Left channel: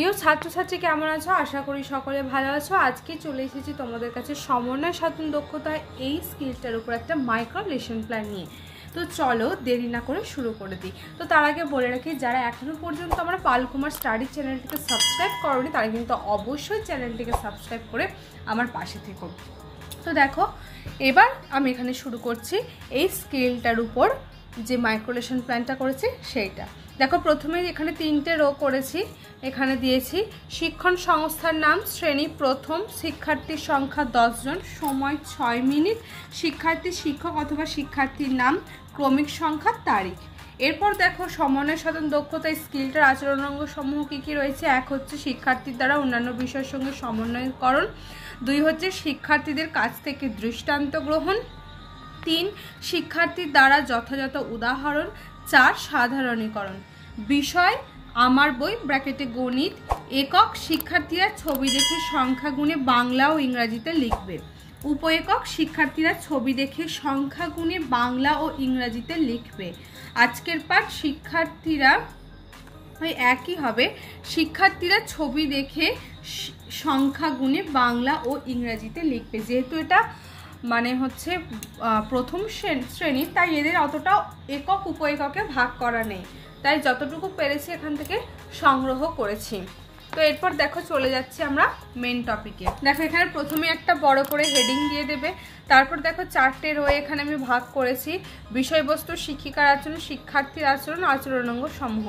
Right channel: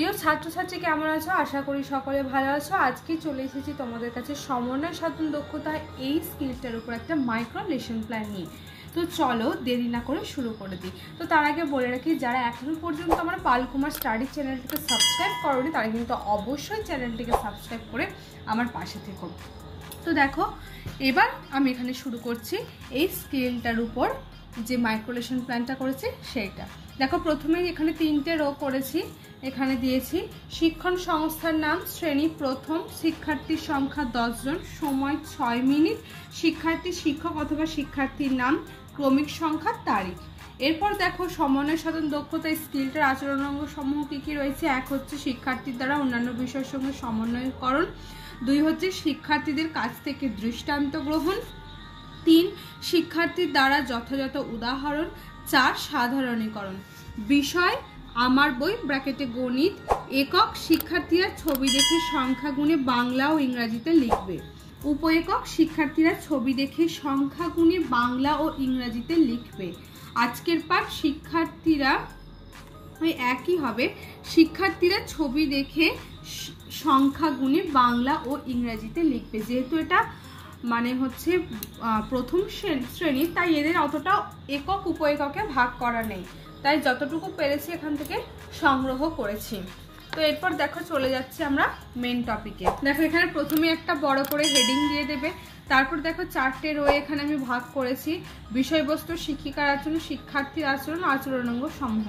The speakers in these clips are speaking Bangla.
প্রিয় ছাত্রছাত্রী কেমন আছো? আশা করি সকলে ভালো আছো। আজকে চলে এসেছি তোমাদের কাছে সমন্বয় সাধন দক্ষতা এই স্কিলটার উপর একটা মাইক্রো লেসন প্ল্যান নিয়ে। তো চলো দেরি না করে শুরু করে দিই। তো তার আগে বলে রাখি, যারা এখনো পর্যন্ত আমার পালকুমার স্টাডি চ্যানেলটিকে সাবস্ক্রাইব করোনি তারা কিন্তু অবশ্যই চ্যানেলটিকে সাবস্ক্রাইব করে আমার পাশে থেকো। তো দেখো, এবার আমি এখানে শুরু করছি এই স্কিলটার উপর যে মাইক্রো লেসন প্ল্যানটা করেছি সেইটা। দেখো, প্রথমে এখানে 3টে রো করেছি। এখানে দিয়েছি শিক্ষণ সংস্থার নাম, শ্রেণী প্রথম, শিক্ষার্থীর সংখ্যা 10 জন, সময় 6 মিনিট, শিক্ষার্থী, শিক্ষক অথবা শিক্ষার্থীর নাম, ক্রমিক সংখ্যা, তারিখ। এরপর দেখো সমন্বয় সাধন দক্ষতা স্কিলটার আচরণাঙ্গ সমূহ কী কী রয়েছে। 1 হচ্ছে শিক্ষার্থীর দ্বারা অন্যান্য বিষয়ের সঙ্গে সমন্বয়করণ। 2 হচ্ছে শিক্ষার্থীদের কাছ থেকে দৃষ্টান্ত গ্রহণ। 3 শিক্ষার্থীর দ্বারা যথাযথ উদাহরণ। 4 সাধারণীকরণ। বিষয় আমার বই ব্র্যাকেটে গণিত। একক শিক্ষার্থীরা ছবি দেখে সংখ্যা গুণে বাংলা ও ইংরাজিতে লিখবে। উপ-একক শিক্ষার্থীরা ছবি দেখে সংখ্যা গুণে বাংলা ও ইংরাজিতে লিখবে। আজকের পাঠ শিক্ষার্থীরা ওই একই হবে, শিক্ষার্থীরা ছবি দেখে সংখ্যা গুণে বাংলা ও ইংরাজিতে লিখবে। যেহেতু এটা মানে হচ্ছে প্রথম শ্রেণী, তাই এদের অতটা একক উপ এককে ভাগ করা নেই, তাই যতটুকু পেরেছি এখান থেকে সংগ্রহ করেছি। তো এরপর দেখো চলে যাচ্ছি আমরা মেন টপিকে। দেখো এখানে প্রথমে একটা বড় করে হেডিং দিয়ে দেবে। তারপর দেখো 4টে রো এখানে আমি ভাগ করেছি। বিষয়বস্তু শিক্ষিকার আচরণ, শিক্ষার্থীর আচরণ, আচরণাঙ্গ সমূহ।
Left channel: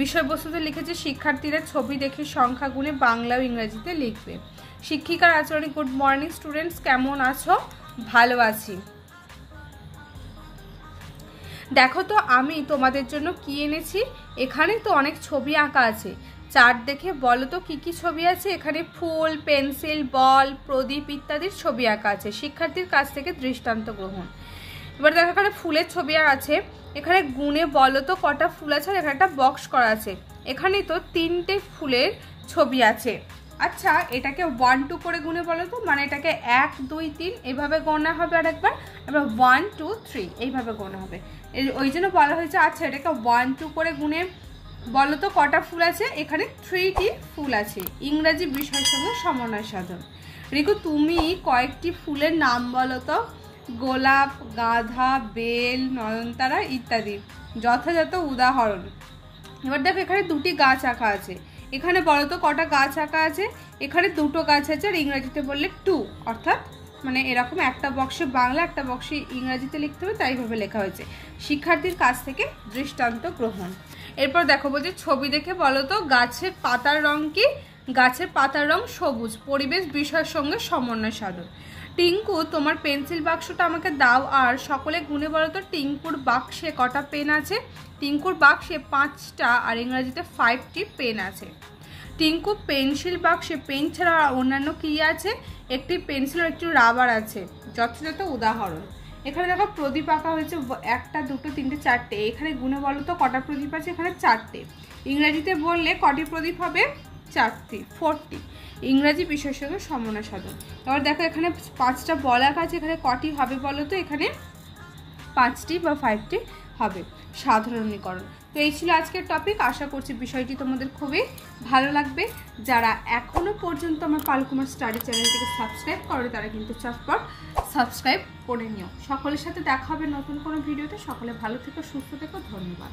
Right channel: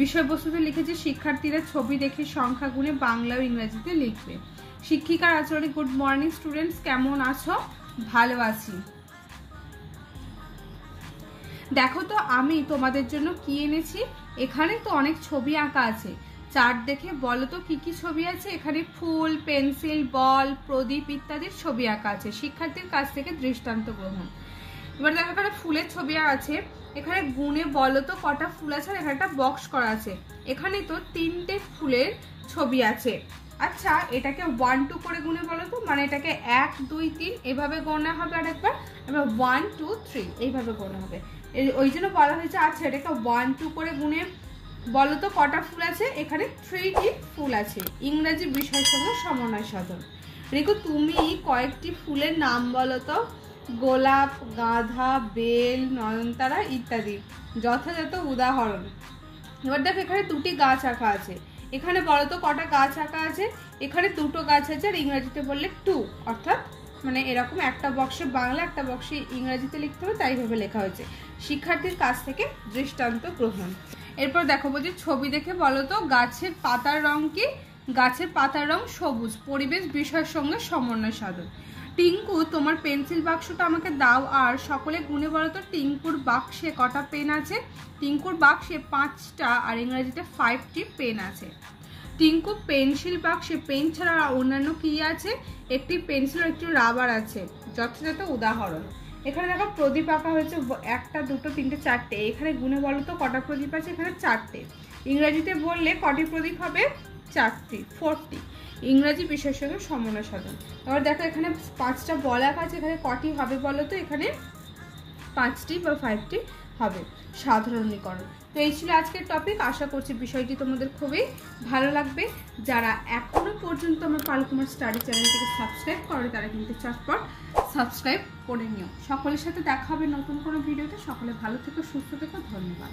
বিষয়বস্তুতে লিখেছি শিক্ষার্থীরা ছবি দেখে সংখ্যা গুণে বাংলা ও ইংরেজিতে লিখবে। শিক্ষিকার আচরণে গুড মর্নিং স্টুডেন্টস, কেমন আছো? ভালো আছি। দেখো তো আমি তোমাদের জন্য কি এনেছি। এখানে তো অনেক ছবি আঁকা আছে। চার্ট দেখে বলো তো কি কি ছবি আছে। এখানে ফুল, পেন্সিল, বল, প্রদীপ ইত্যাদির ছবি আঁকা আছে। শিক্ষার্থীর কাছ থেকে দৃষ্টান্ত গ্রহণ। এবার দেখো এখানে ফুলের ছবি আছে। এখানে গুণে বলো তো কটা ফুল আছে। এখানে একটা বক্স করা আছে। এখানে তো 3টে ফুলের ছবি আছে। আচ্ছা, এটাকে 1 2 করে গুণে বলো তো, মানে এটাকে 1 2 3 এইভাবে গোনা হবে, আর একবার 1 2 3 এইভাবে গোনা হবে। ওই জন্য বলা হয়েছে। আচ্ছা, এটাকে 1 2 করে গুণে বলো তো কটা ফুল আছে। এখানে 3টি ফুল আছে। ইংরেজি বিষয়ের সঙ্গে সমন্বয় সাধন। রিকু, তুমি কয়েকটি ফুলের নাম বলো তো। গোলাপ, গাঁদা, বেল, নয়নতারা ইত্যাদি। যথাযথ উদাহরণ। এবার দেখো এখানে 2টি গাছ আঁকা আছে। এখানে বলো তো কটা গাছ আঁকা আছে। এখানে 2টো গাছ আছে, আর ইংরেজিতে বললে 2, অর্থাৎ মানে এরকম একটা বক্সে বাংলা একটা বক্সে ইংরেজিতে লিখতে হবে, তাই ভাবে লেখা হয়েছে। শিক্ষার্থীর কাছ থেকে দৃষ্টান্ত গ্রহণ। এরপর দেখো বলছে ছবি দেখে বলো তো গাছের পাতার রং কি। গাছের পাতার রং সবুজ। পরিবেশ বিষয়ের সঙ্গে সমন্বয় সাধন। টিঙ্কু, তোমার পেন্সিল বাক্সটা আমাকে দাও, আর সকলে গুণে বলো তো টিঙ্কুর বাক্সে কটা পেন আছে। টিঙ্কুর বাক্সে 5টা, আর ইংরেজিতে 5টি পেন আছে। টিঙ্কু পেন্সিল বাক্সে পেন ছাড়া আর অন্যান্য কি আছে। একটি পেন্সিল ও একটি রাবার আছে। যথাযথ উদাহরণ। এখানে দেখো প্রদীপ আঁকা হয়েছে 1 2 3 4টে। এখানে গুণে বলো তো কটা প্রদীপ আছে। এখানে 4টে। ইংরেজিতে বললে কটি প্রদীপ হবে। 4টি, 4টি। ইংরাজি বিষয়ের সঙ্গে সমন্বয় সাধন। এবার দেখো এখানে 5টা বল আঁকা আছে। এখানে কটি হবে বলো তো। এখানে 5টি বা 5টি হবে। সাধারণীকরণ। তো এই ছিল আজকের টপিক। আশা করছি বিষয়টি তোমাদের খুবই ভালো লাগবে। যারা এখনো পর্যন্ত আমার পালকুমার স্টাডি চ্যানেলটিকে সাবস্ক্রাইব করে তারা কিন্তু চটপট সাবস্ক্রাইব করে নিও। সকলের সাথে দেখা হবে নতুন কোনো ভিডিওতে। সকলে ভালো থেকো, সুস্থ থেকো। ধন্যবাদ।